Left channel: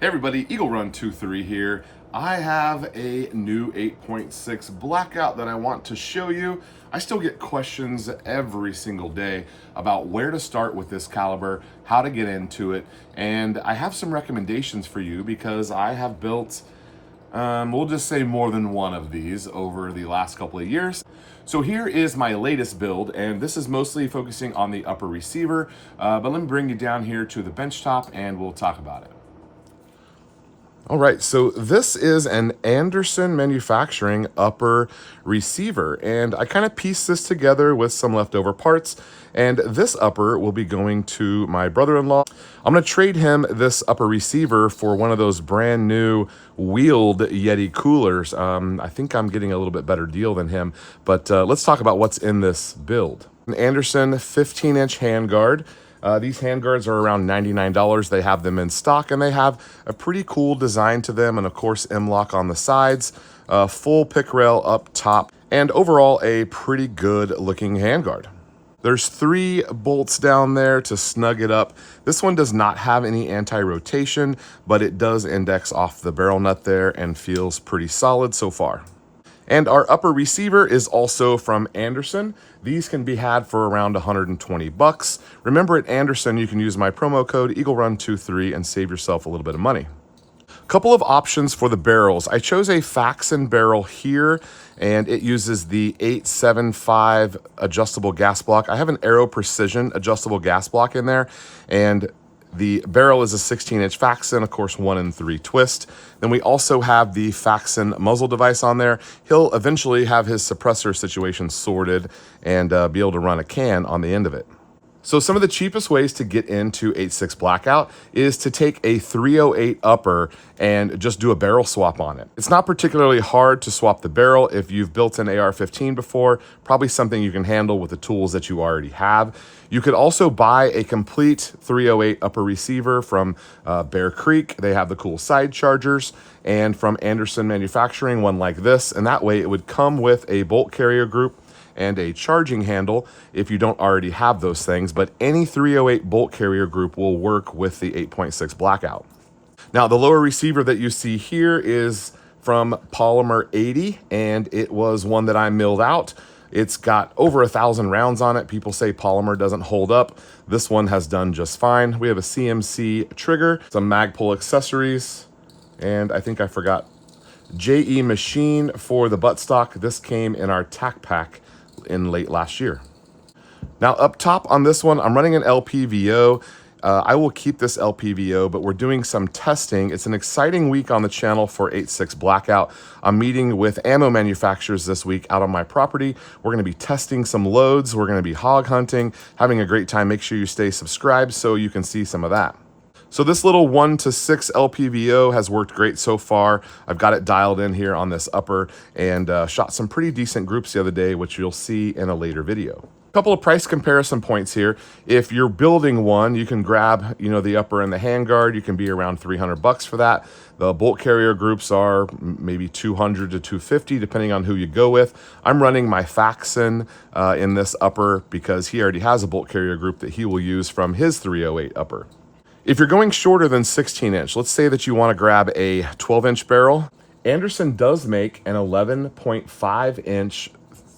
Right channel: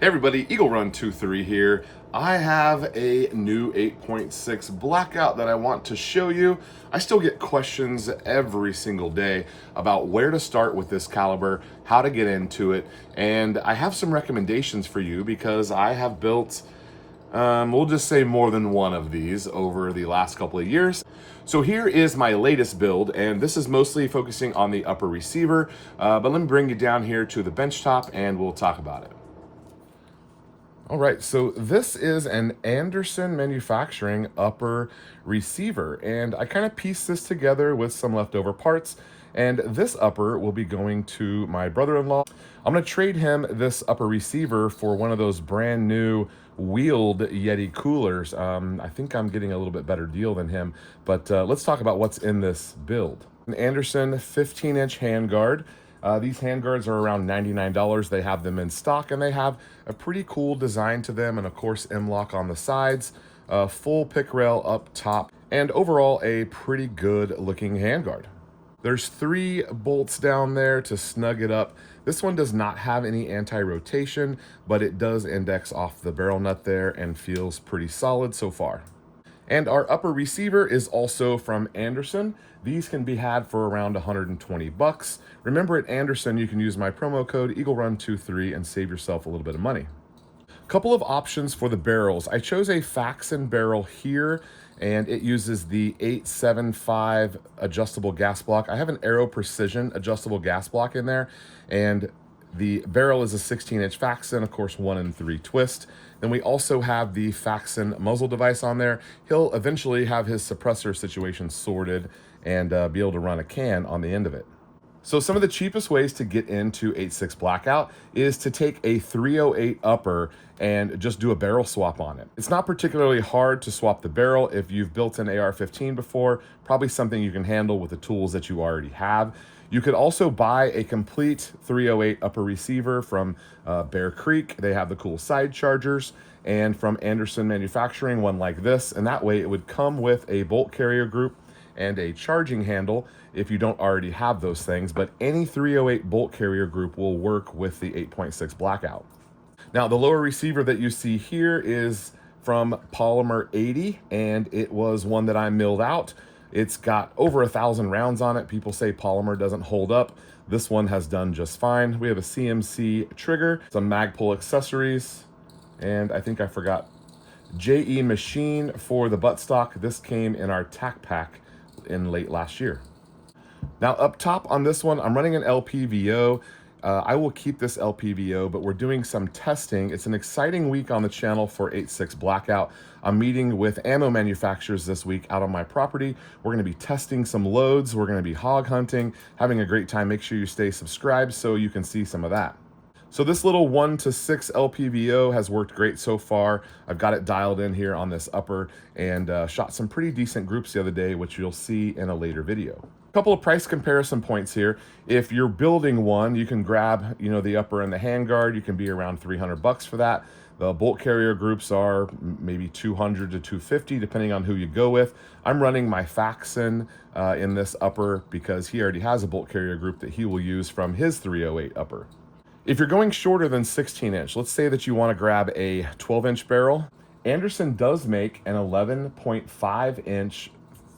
Hey everybody, Eagle Run 23 here. I have a new 8.6 Blackout that I want to show you. I still get questions every single day about where to start with this caliber, how to get into it, and I have some recommendations for you because I have built, we'll just say more than one of these over the last couple of years. So here is my latest build, and this is mostly focusing on the upper receiver, but let me bring you down here to the bench top and we'll talk about it. All right, so this is an Anderson Manufacturing upper receiver, and I kind of pieced this together with some leftover parts, and this upper will be going to my brother-in-law. I'm gonna trade him this upper receiver for one of those brand new wheeled Yeti coolers. I think I'm getting a little bit better deal than him, but let's talk about what's in this build. An Anderson 15-inch handguard. These handguards are around $99. They have them in stock, and they have a pretty cool design to them, and of course M-LOK on the sides, full pick rail up top, and overall a pretty good looking handguard. There's 3 bolts down there to snug it up. This one does not have any anti-rotation, but it does index off the barrel nut there and feels pretty solid so far. And our upper receiver is also from Anderson. These can be had for around 120 bucks. Remember, at Anderson, you can use my promo code EagleRun23 and save yourself a little bit of money. Couple of options for the barrels. I chose a Faxon barrel here, and it uses the 8.75 adjustable gas block. I have an Aero Precision adjustable gas block in there, and the barrel is a 16-inch Faxon, of course, 1 3 twist. Then we also have the Faxon muzzle device on there. He'll eventually have his suppressor situation sorted and be able to run a can on the end of it. So some of the cheapest ways to get into 8.6 Blackout is to take a 308 upper and just do a barrel swap on it. It's not particularly hard to swap the barrel. If you've built an AR-15 before, probably something you can handle with the tools that you already have. You could also buy a complete 308 upper receiver from Bear Creek. They have the cool side chargers, and from Anderson Manufacturing, one like this, and that way it would come with a bolt carrier group and a charging handle if you don't already have those things, but any 308 bolt carrier group will work with the 8.6 Blackout. Now, the lower receiver that you see here is from Polymer 80, and it was one that I milled out. It's got over 1,000 rounds on it. People say polymer doesn't hold up. This one has done just fine. We have a CMC trigger, some Magpul accessories, and I think I forgot JE machine for the buttstock. This came in our tack pack in late last year. Now up top on this one, I'm running an LPVO. I will keep this LPVO, but we're doing some testing. It's an exciting week on the channel for 8.6 Blackout. I'm meeting with ammo manufacturers this week out on my property. We're gonna be testing some loads. We're gonna be hog hunting, having a great time. Make sure you stay subscribed so you can see some of that. So this little 1 to 6 LPVO has worked great so far. I've got it dialed in here on this upper and shot some pretty decent groups the other day, which you'll see in a later video. Couple of price comparison points here. If you're building one, you can grab, the upper and the handguard. You can be around 300 bucks for that. The bolt carrier groups are maybe 200 to 250, depending on who you go with. I'm running my Faxon in this upper because he already has a bolt carrier group that he will use from his 308 upper. If you're going shorter than 16-inch, let's say that you want to grab a 12-inch barrel. Anderson does make an 11.5-inch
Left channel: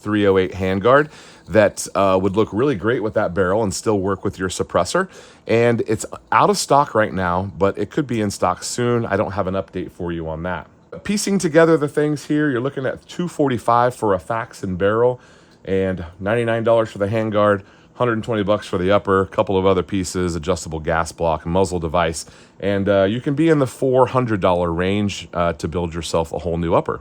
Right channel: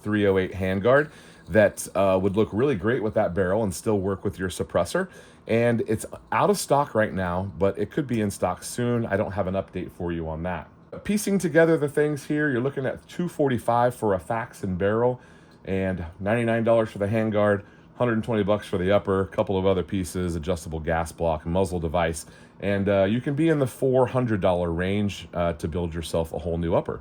308 handguard that would look really great with that barrel and still work with your suppressor. And it's out of stock right now, but it could be in stock soon. I don't have an update for you on that. Piecing together the things here, you're looking at $245 for a Faxon barrel and $99 for the handguard, 120 bucks for the upper, a couple of other pieces, adjustable gas block, muzzle device, and you can be in the $400 range to build yourself a whole new upper.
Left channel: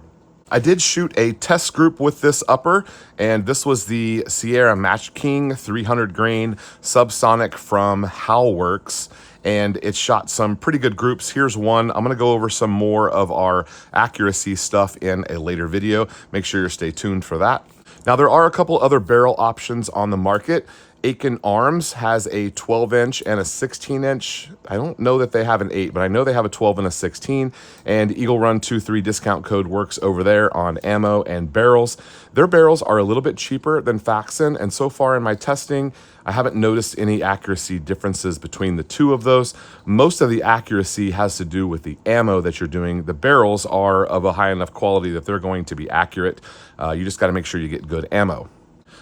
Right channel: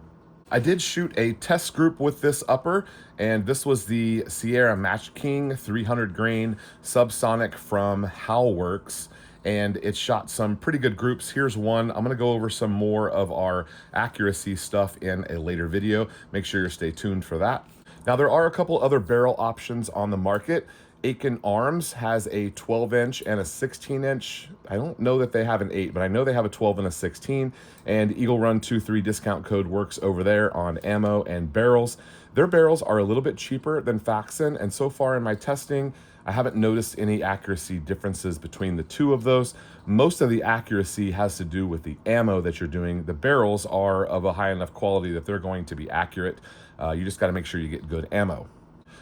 I did shoot a test group with this upper, and this was the Sierra Match King 300 grain subsonic from Howlworks, and it shot some pretty good groups. Here's one. I'm gonna go over some more of our accuracy stuff in a later video. Make sure you stay tuned for that. Now, there are a couple other barrel options on the market. Aiken Arms has a 12-inch and a 16-inch. I don't know that they have an 8, but I know they have a 12 and a 16, and Eagle Run 23 discount code works over there on ammo and barrels. Their barrels are a little bit cheaper than Faxon, and so far in my testing, I haven't noticed any accuracy differences between the two of those. Most of the accuracy has to do with the ammo that you're doing. The barrels are of a high enough quality that they're going to be accurate. You just got to make sure you get good ammo.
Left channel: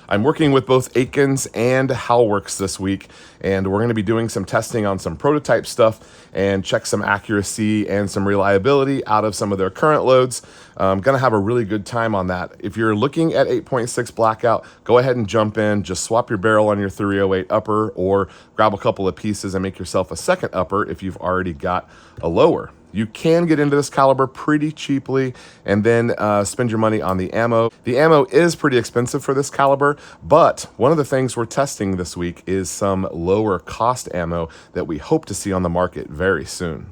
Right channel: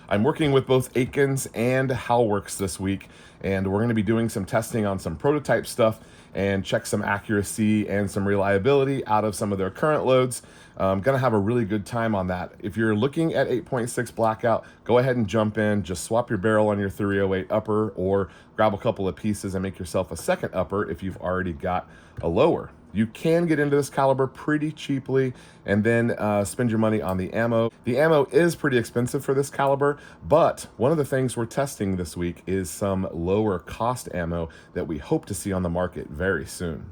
I'm working with both Aikens and Halworks this week, and we're going to be doing some testing on some prototype stuff and check some accuracy and some reliability out of some of their current loads. I'm going to have a really good time on that. If you're looking at 8.6 Blackout, go ahead and jump in. Just swap your barrel on your 308 upper, or grab a couple of pieces and make yourself a second upper if you've already got a lower. You can get into this caliber pretty cheaply and then spend your money on the ammo. The ammo is pretty expensive for this caliber, but one of the things we're testing this week is some lower cost ammo that we hope to see on the market very soon.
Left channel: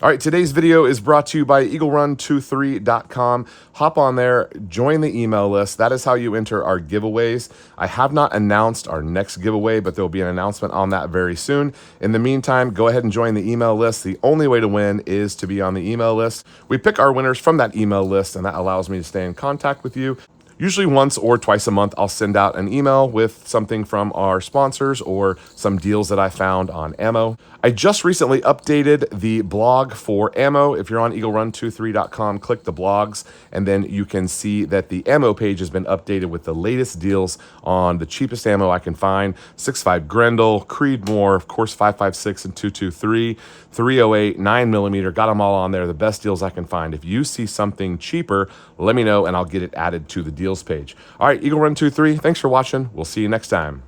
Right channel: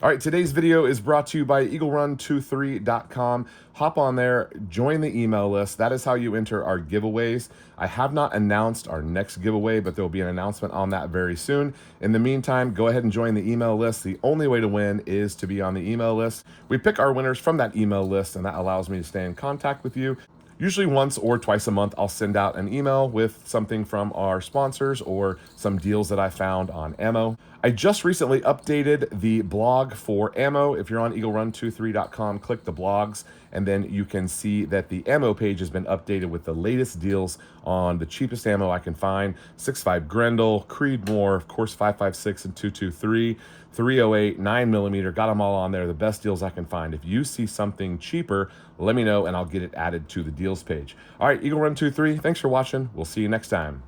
All right, today's video is brought to you by EagleRun23.com. Hop on there, join the email list. That is how you enter our giveaways. I have not announced our next giveaway, but there'll be an announcement on that very soon. In the meantime, go ahead and join the email list. The only way to win is to be on the email list. We pick our winners from that email list, and that allows me to stay in contact with you. Usually once or twice a month, I'll send out an email with something from our sponsors or some deals that I found on ammo. I just recently updated the blog for ammo. If you're on EagleRun23.com, click the blogs, and then you can see that the ammo page has been updated with the latest deals on the cheapest ammo I can find. 6.5 Grendel, Creedmoor, of course 5.56 and 223, 308, 9mm, got them all on there, the best deals I can find. If you see something cheaper, let me know and I'll get it added to the deals page. All right, EagleRun23, thanks for watching. We'll see you next time.